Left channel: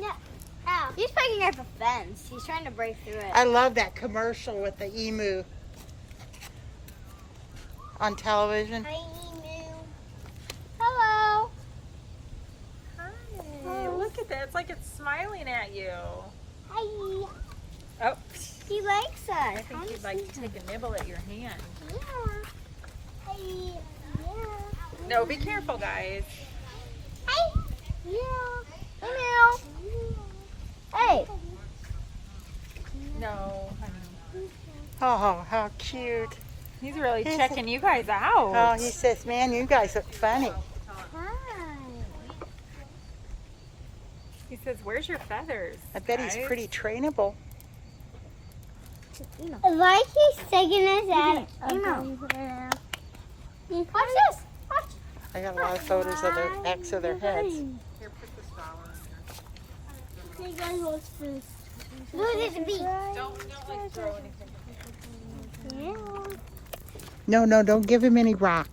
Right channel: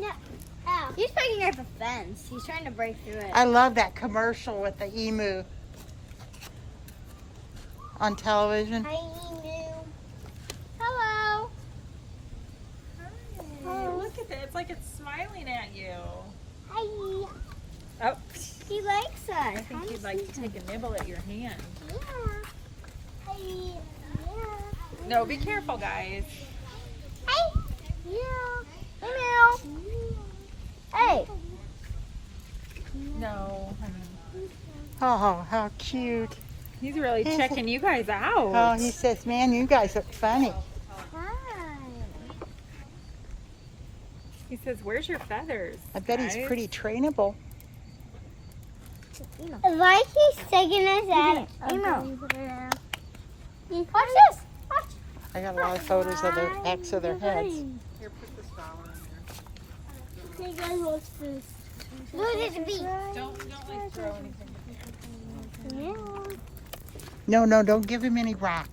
No. Ow. He's picking up a fence. He's trying to break through it. I love that commercial with the emu on television. Hi, emu. Hello. Hi. Look at that. It's like it's smiling at you. Hi. Oh. He likes us. I think he'd like to take a nibble at your hand. Yeah. Hi. Yeah. No, be careful, guys. Hi. Yeah. Meow. Hey. No. Oh, how cute. He's really checking you guys out. Oh, he says, man, you guys look funny. Hi. He says, where's your feathers? I bet he's pretty trainable. Why is he taking us out? Watch this. Watch. I got a lot of photos of their backs of their heads. Okay, guys, watch this. Look at the beak. Don't like throw anything. No, don't give him any rock.